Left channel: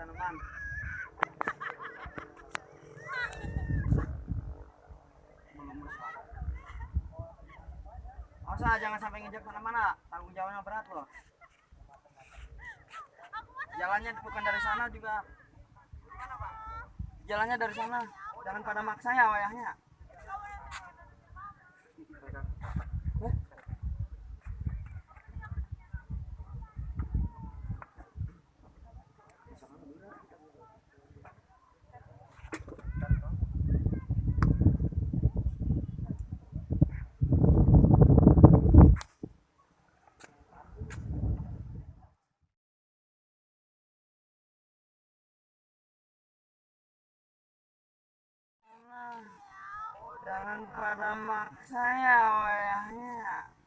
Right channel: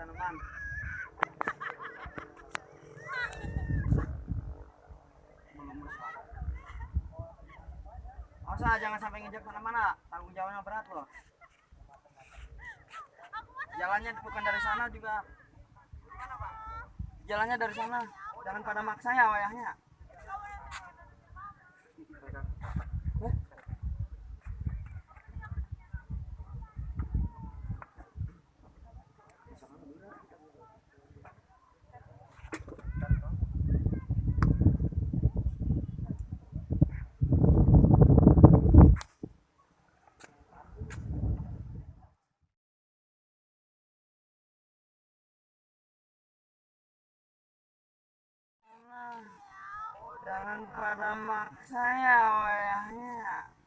tanaman. Masa jangan sampai nginjak tanaman, nak. Tanggung jawabnya berat loh. Jalannya bukan dari sana juga. Jalannya dari sana. Jangan pada maksa ya wayahnya. Jangan pada maksa ya wayahnya.